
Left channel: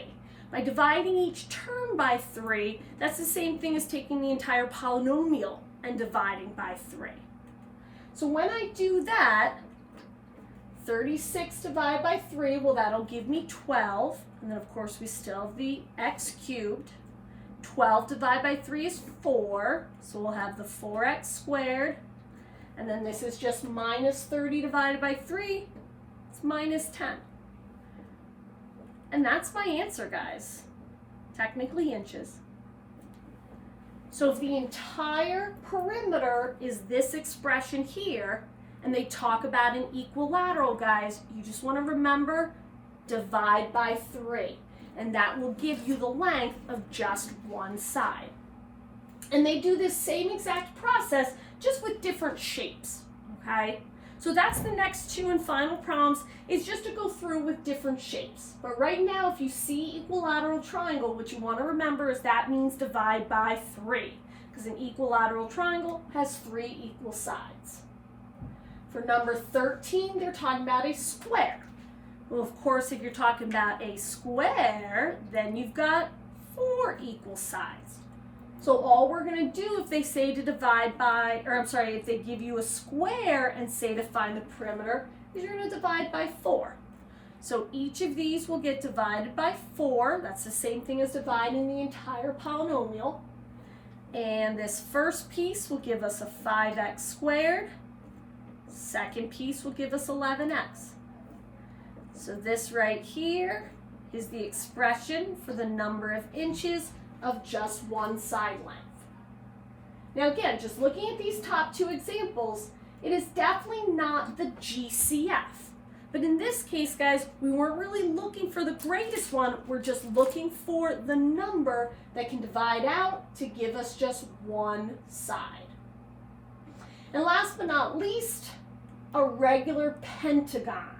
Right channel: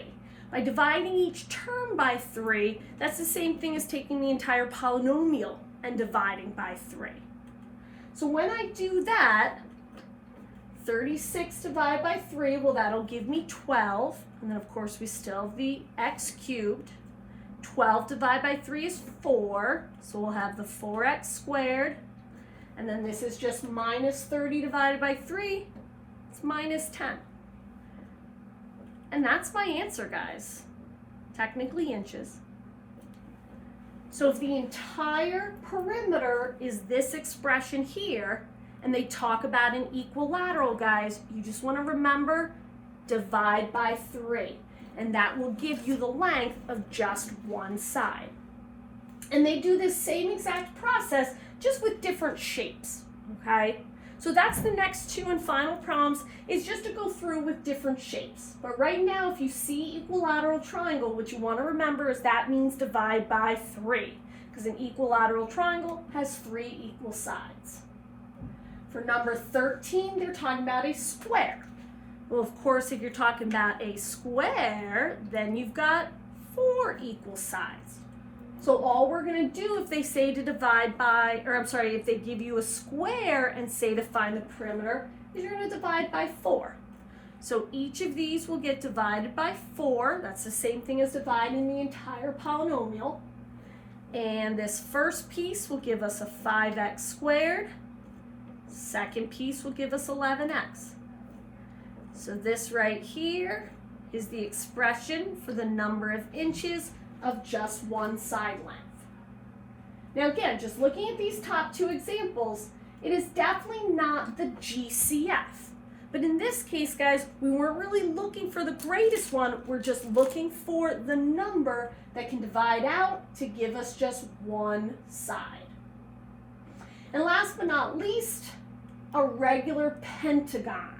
By dividing each term by 3, that's the same thing as taking the entire polynomial and dividing by 3. So when I do that, 36 divided by 3, well, that'll give me 12. And then, of course, we still have the x cubed. 12 divided by 3 is 4. So we'll have the 4x squared. And then this is just minus 30 divided by 3. It's minus 10. And that's my answer, guys. Technically inches. So if the entire perimeter is this expression here, and they talk about an equilateral, guys, you just want to remember, divide by 3. And that will give you the length of just one side. And they do this same exact process, just with different shapes, okay? So that's the next 2 and final problems, is just to go through with different shapes. But right now, if you see equilateral triangle, what you want to remember is that means divide by 3, because an equilateral triangle has 3 equal sides. For number 13, they're talking about a square. Well, of course, if you're talking about a square, then you've got 4 equal sides. So all we're going to do if they say to divide by, or I'm sorry, if they give you a square and say to find the perimeter, is you're going to divide by 4. So each of these will get divided by 4. That's the same thing as dividing the entire polynomial. And this first piece will give us a 5x squared. Second piece will give us 11x. So this right here is the expression for the number of inches of just one side length. Now again, just looking at these top 2 examples, it is definitely not the GCF. But in this case, guys, we weren't really looking for the greatest one, we're just looking for the number that can divide out to give us just one side. And last but not least, a regular pentagon.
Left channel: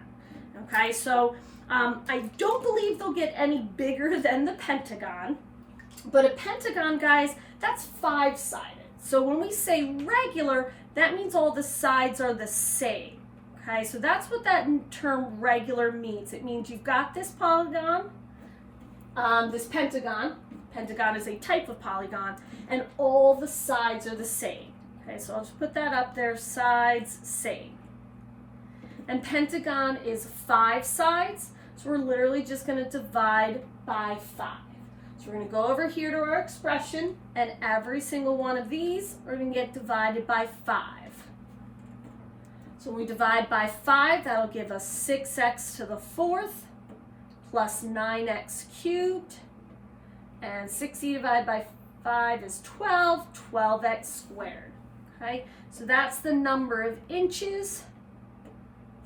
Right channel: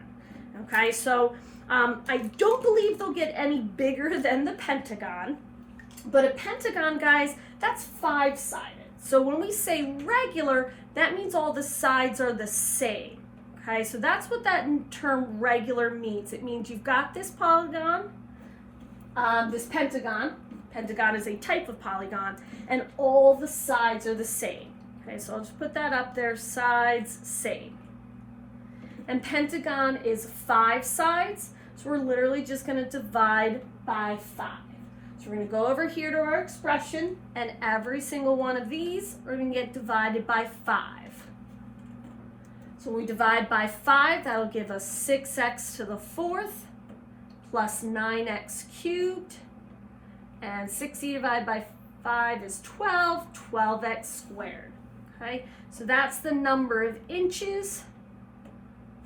Okay, so I don't believe they'll get any bigger than the pentagon. But a pentagon, guys, that's 5-sided. So when we say regular, that means all the sides are the same. Okay, so that's what that term regular means. It means you've got this polygon, this pentagon. Pentagon is a type of polygon, and all the sides are the same. Okay, so I'll just put that up there, sides, same. And pentagon is 5 sides, so we're literally just going to divide by 5. So we're going to go over here to our expression, and every single one of these are going to get divided by 5. So when we divide by 5, that'll give us 6x to the 4th plus 9x cubed. And 60 divided by 5 is 12, 12x squared. Okay, so that's the number of inches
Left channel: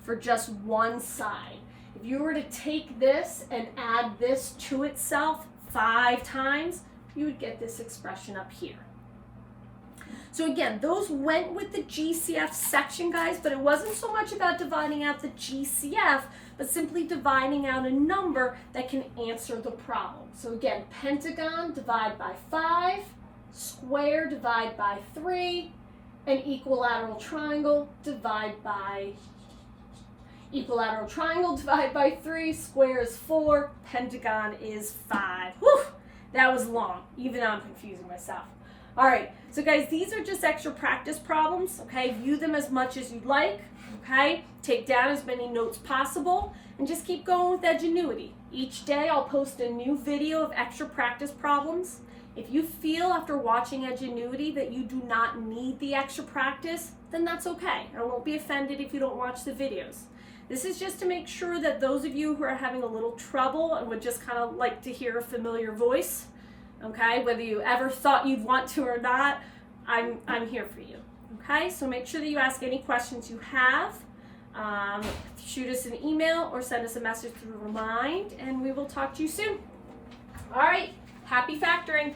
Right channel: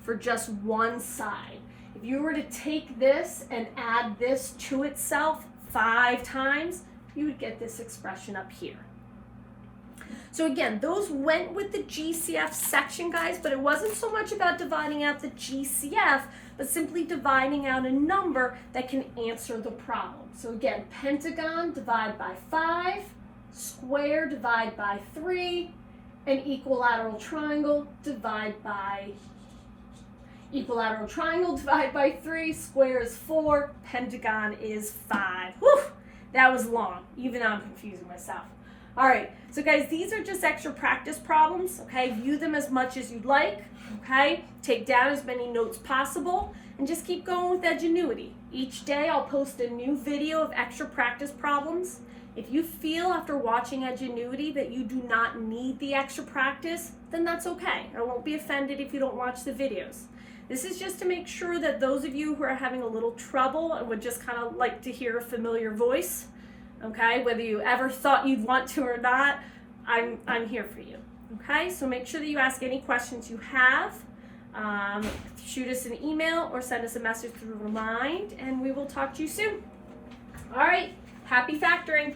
for just one side. If you were to take this and add this to itself 5 times, you would get this expression up here. So again, those went with the GCF section, guys, but it wasn't so much about dividing out the GCF, but simply dividing out a number that can answer the problem. So again, pentagon, divide by 5, square, divide by 3, and equilateral triangle, divide by Equilateral triangle divided by 3, square is 4, pentagon is 5. Whew, that was long. Even I'm confusing myself. All right, so guys, these are just extra practice problems, okay? View them as much as you'd like, okay? Take down as many notes possible, and just keep going with Edgenuity. Each day I'll post a new video of extra practice problems. If you feel after watching Edgenuity that you do not need the extra practice, then that's okay. I won't be offended if you don't watch the videos. This is just to make sure that those of you who are having a little trouble and would just kind of like to hear a familiar voice, okay, whether you ever thought you'd want to or not, I'm here for you, okay? So make sure that you ask any questions you have. Shoot us an email or send us a message through Remind, and we will talk to you soon. All right, happy factoring.